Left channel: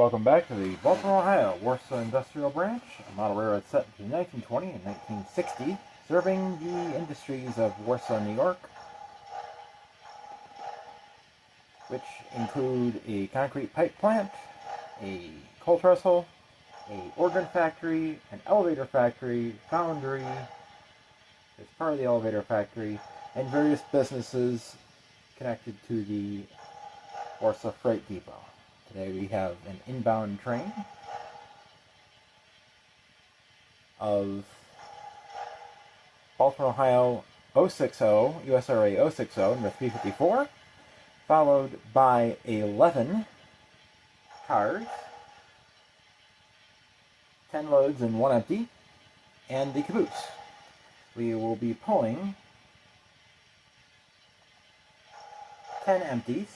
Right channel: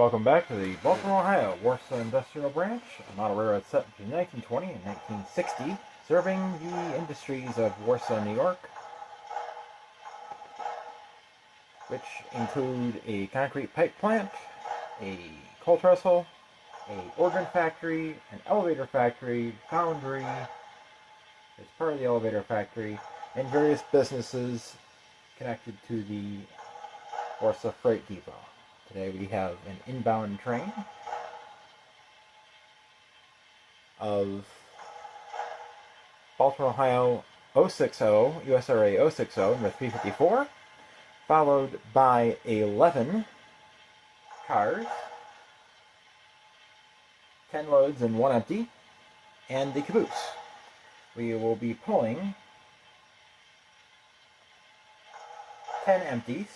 Welcome back to the Baltimore, Ohio, Warsaw Industrial Branch, a model railroad set between 1920 and 1960, serving the industries of Warsaw, New York, which include a concrete pipe plant, a coal trestle, a organ factory, an elevator factory, foundry, as part of the elevator factory, and various businesses connected to the Warsaw Freight Depot. Today we have an inbound train of Baltimore, Ohio 060, USRA 060, number 354, followed by 11 cars, 10 loads and 1 empty, and the caboose. We will be pulling 10 empties.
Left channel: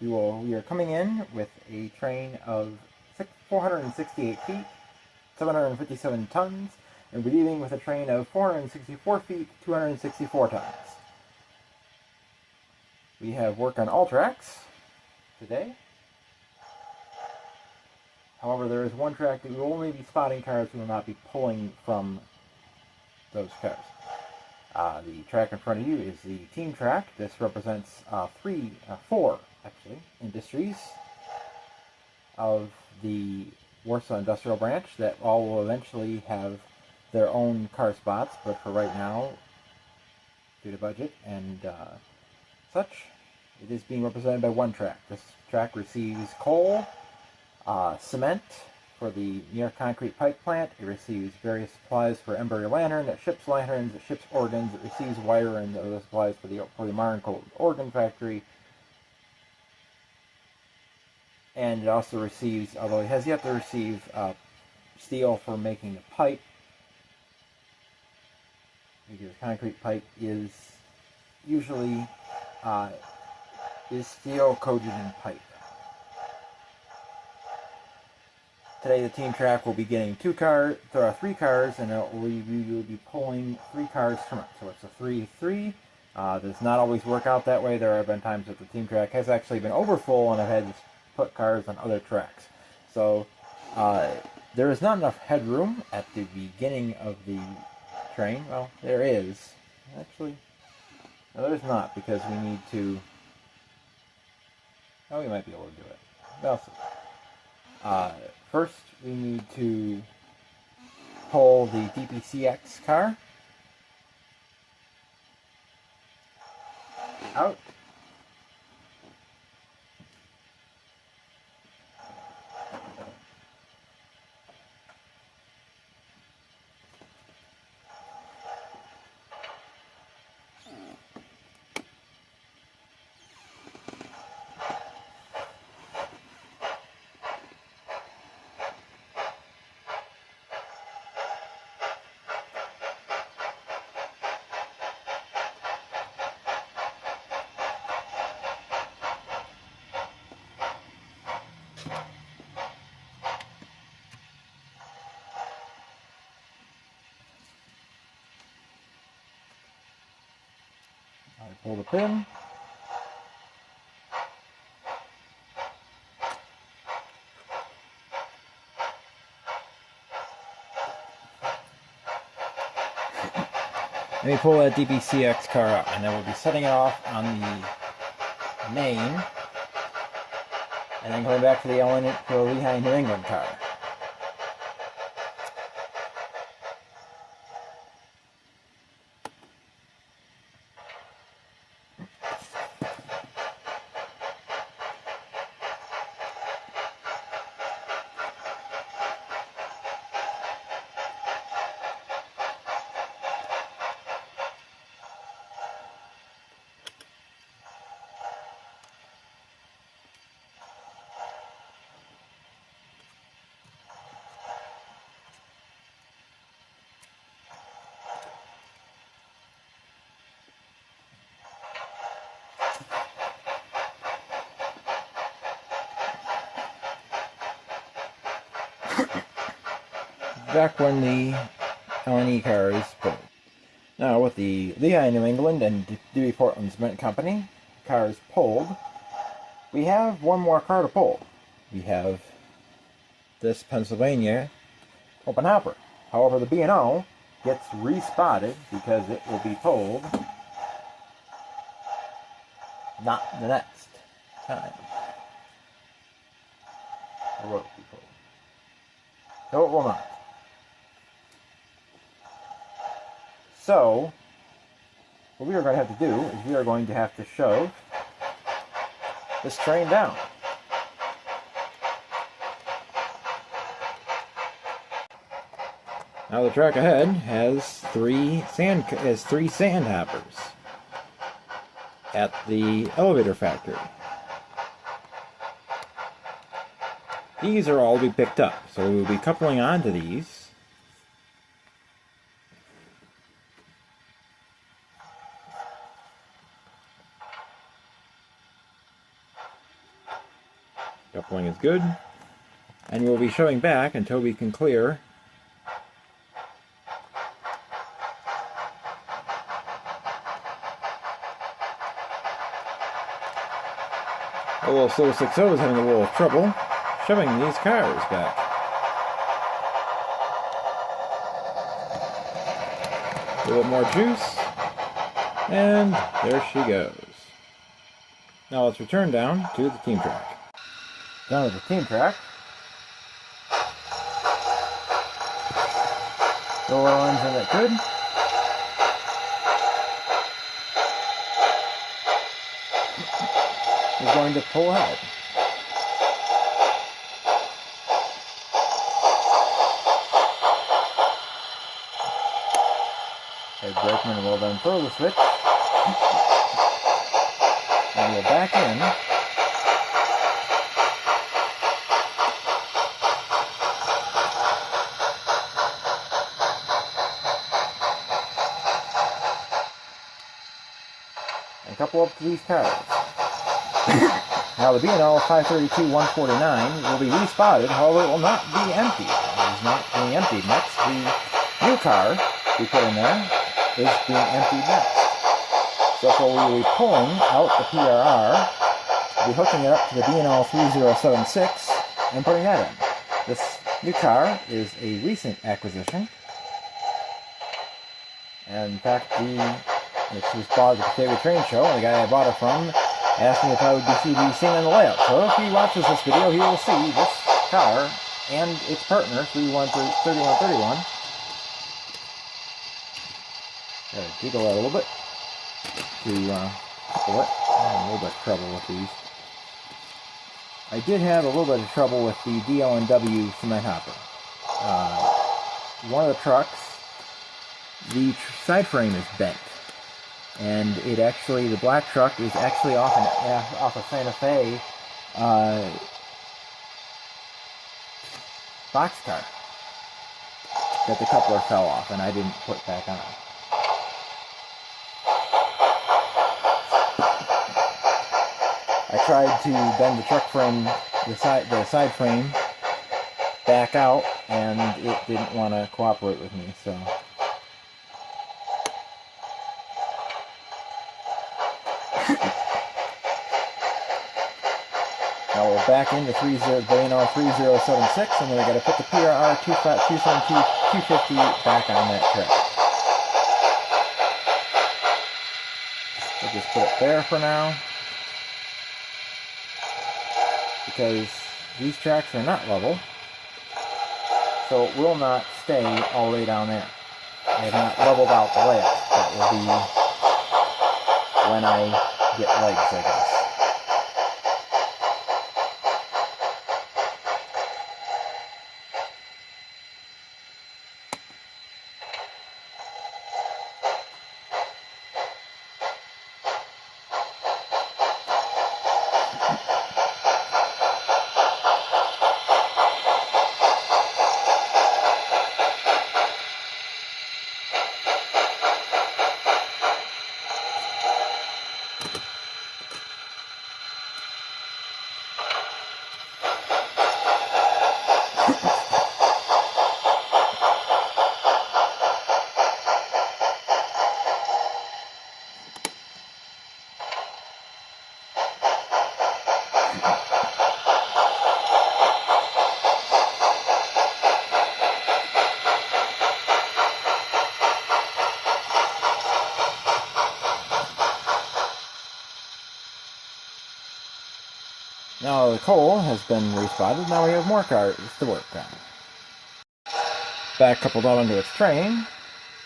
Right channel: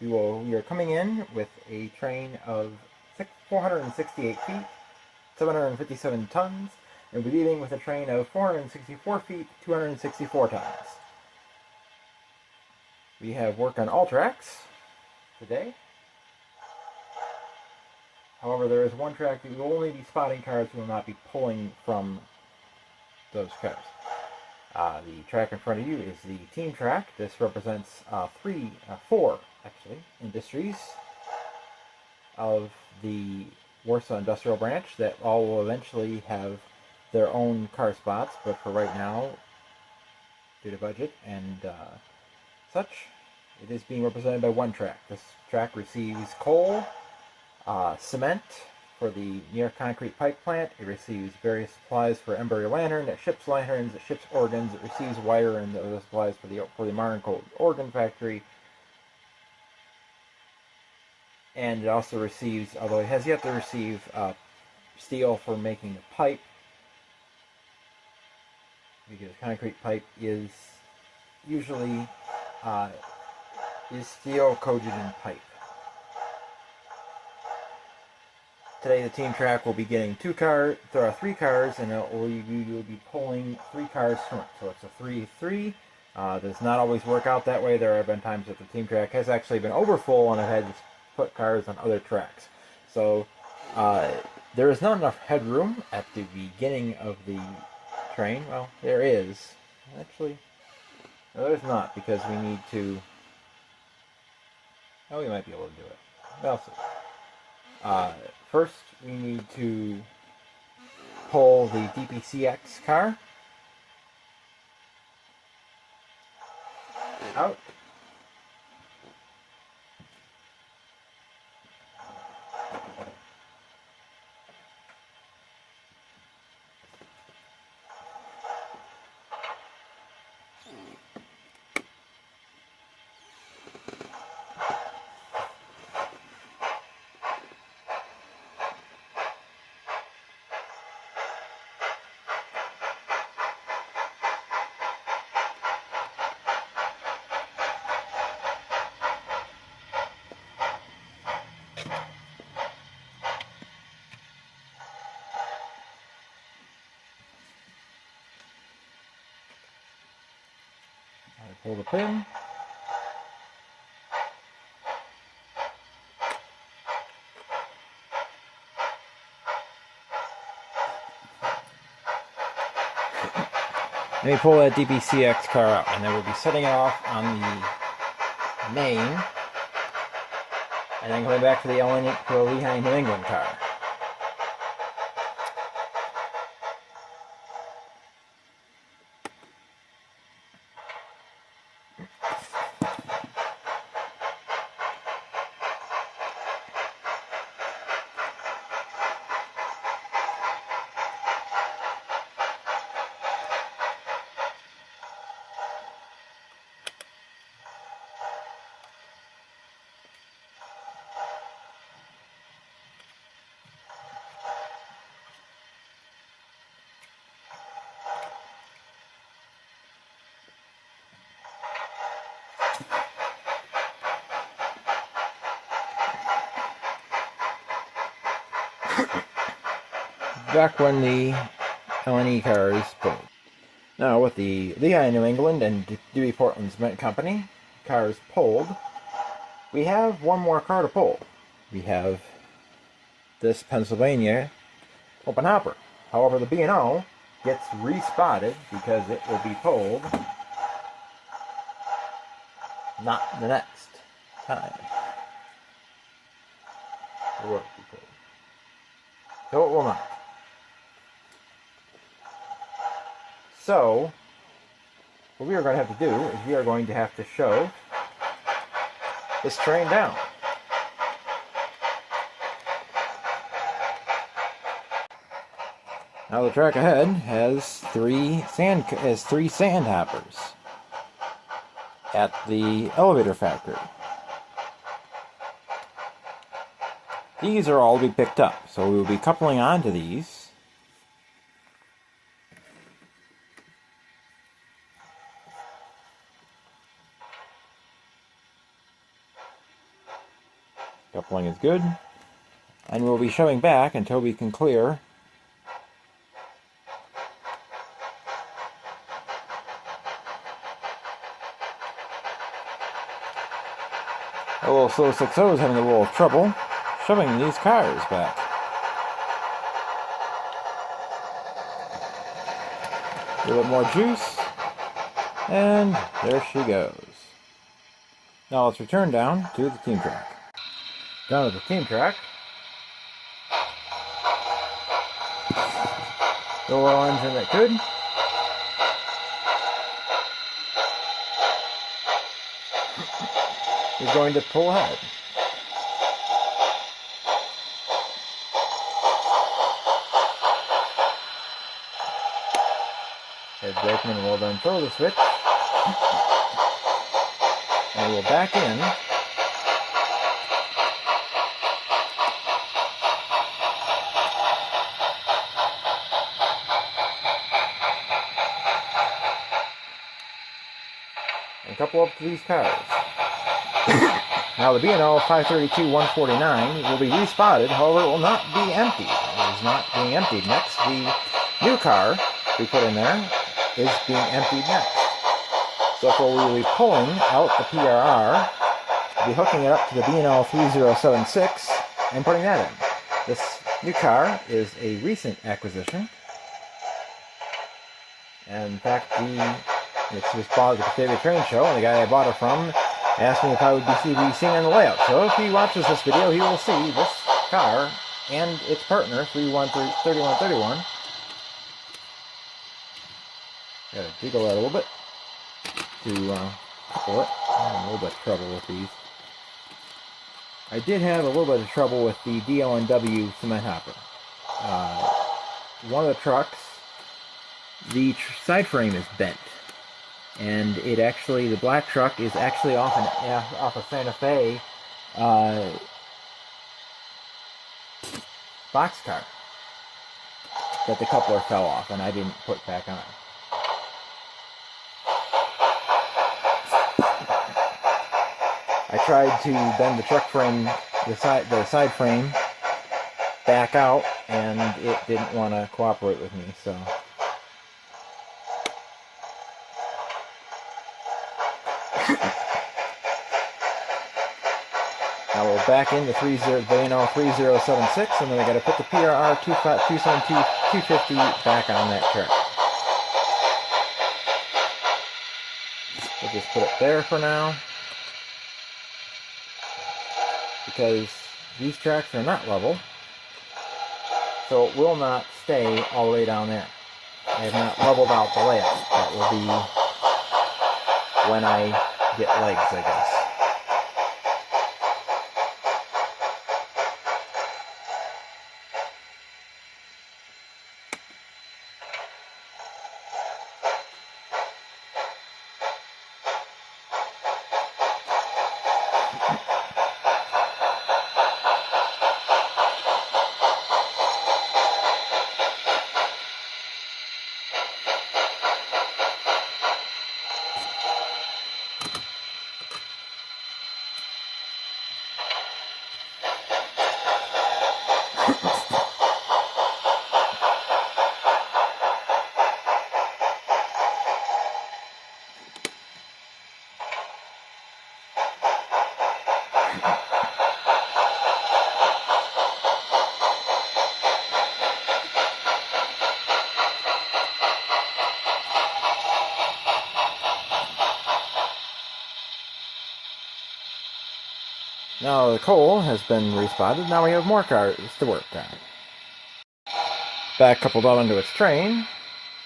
We are coming in with a train of 468 feet, 757 tons, and we're leaving with a train of 464 feet, 264 tons. We have work on all tracks today. However, there is one track that we will only be spotting cars. We will not be pulling from those cars. The track in front of you is the team track. This represents four industries of the Warsaw Industrial Branch that all will eventually have their own car spots, but for right now, due to budget and such, it is being represented by one track. This track receives coal, cement for the New York concrete pipe plant. It receives various supplies for Embury Lantern. It ships lanterns. It ships organs. It receives wire and other supplies for the Martin Coal organ factory. And it also receives, although it has yet to receive steel for making the pipe, because concrete pipe is usually steel coated in pipe. Today the team track will be getting 3 cars, and you will be pulling 3 cars from it. So it's a 3-3. Does not always work out that way. There have been times that the team track has actually been overfull and I've had to put cars on other tracks. So there is not enough headroom at the beginning of the train. Well, there is. Actually, no, there's not, because we need to... Oh, we might be able to do it. We'll see. First, we need to pull the DPCX car out. Pull the pin. And we pull that DPCX car out, and then we'll be setting it off on the main, and then going back to the Lehigh, New England car. Back when the L&E cars pulled. Now with the Lehigh, New England and Dewey Portland Cement Company cars pulled, we have one more car to pull. We have this Pennsylvania open hopper. However, the B&O gets respotted because it will be told not the next time. Or will it be told? No, it will not. So, what we are going to have to do is we are going to have to shove this train down. Now the track ahead has three sand hoppers at the elevator factory. These are all to be picked up, so we will be coupling onto these. Coupling is good, and we'll be shoving back until we can clear a little slow 6.0 is having a little trouble shoving these cars back. A little more juice, and there she goes. Now let's return down to the team track. Down to the team track. The oil engine that could. Is going to pull ahead. Head brakeman will then throw the switch. And we'll back in. And couple up to these cars. Now the B&O 532-149 will be respotted, however it will not be emptied. It is not being emptied next. The new car we put in there is being emptied next. So we will be pulling out the PRR, be hooking it up to the B&O 3076, and putting that in. This new car is a recent acquisition. And in fact, it was bought at the Favorite Train Show, and the guy I bought it from asked me if I would be seeing on the layout. So if he watches this video, he will see this car and its partner, 3131. Gotta jiggle that a little bit to couple it. I had a little bit of trouble with these. I did have a little bit of trouble with the DL&W cement hopper. One of the trucks, the side frame is bent. And the black truck is actually off a Santa Fe boxcar that the coupler fell off, and I didn't put back on. I tried to bend the truck frame, the side frame, back out, and it didn't want to cooperate with me, so. Now we're back in the B&O 3076, and then we got to put the PRR 250 back on that track. We'll just put it there for now, because these tracks are not level, so it will not stay all the way down there. I have not leveled out the layout. That will be when I get legs, I guess. Now the coal has been respotted. Now we have more cars to work on. Back coupled out onto its train,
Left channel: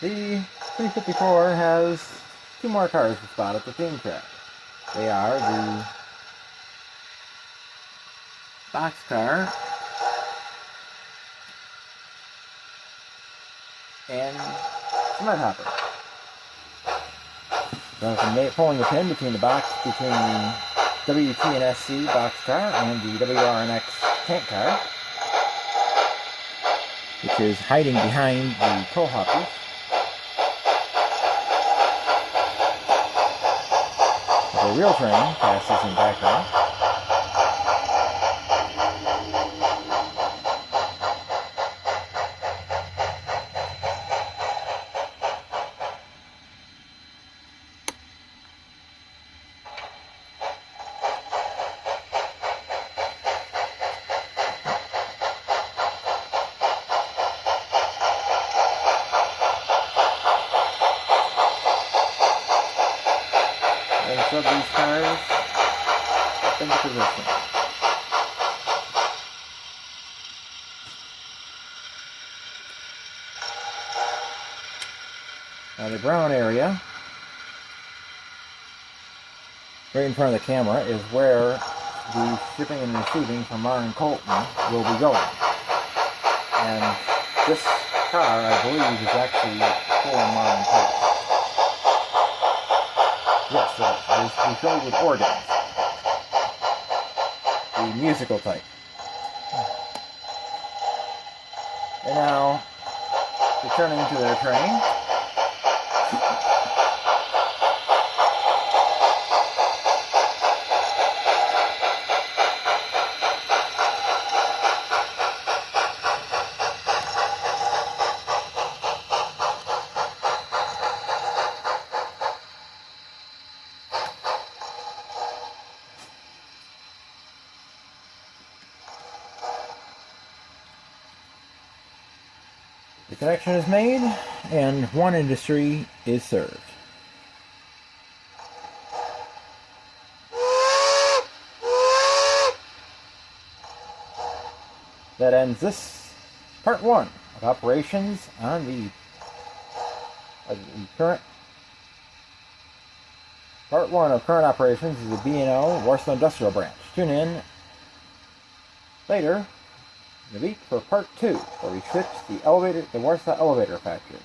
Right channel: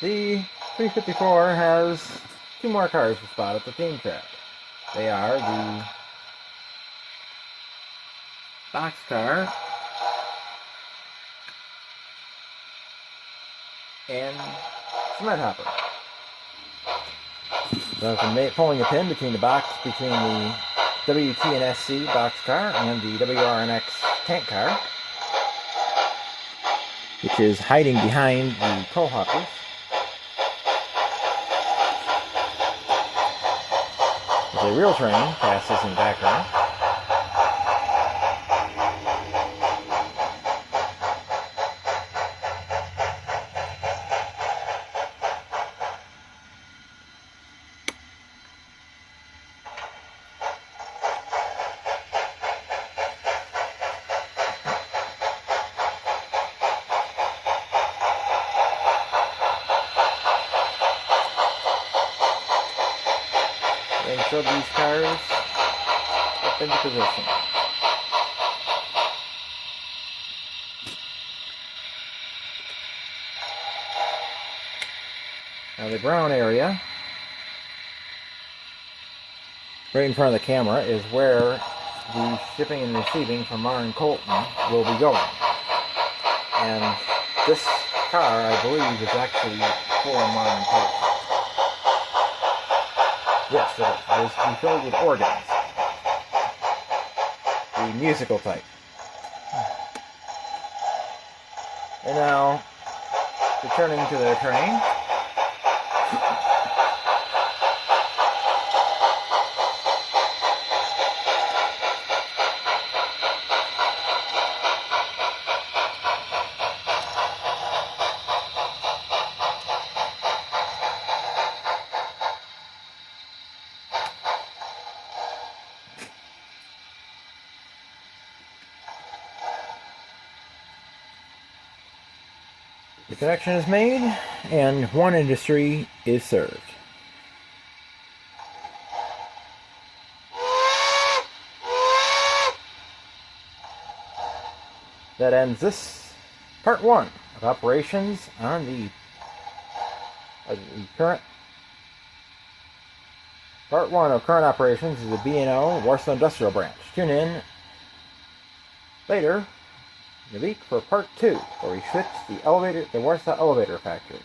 the 354 has 2 more cars to spot at the theme track. They are the boxcar and cement hopper. So pulling a pin between the WT and SC boxcar and the WRNX tank car, which is hiding behind the coal hoppers. The real train passes in background. And shove these cars up into position. Now the brown area, right in front of the camera, is where the shipping and receiving from Marne Colton will be going. And this car, I believe, is actually for Marne Colton. Yes, it is. It is filled with organs. The musical type. And now, returning to their train. The connection is made, and one industry is served. That ends this part 1 of operations on the current. Part 1 of current operations is the B&O Warsaw Industrial Branch. Tune in later in the week for part 2, where we fix the Warsaw Elevator Factory.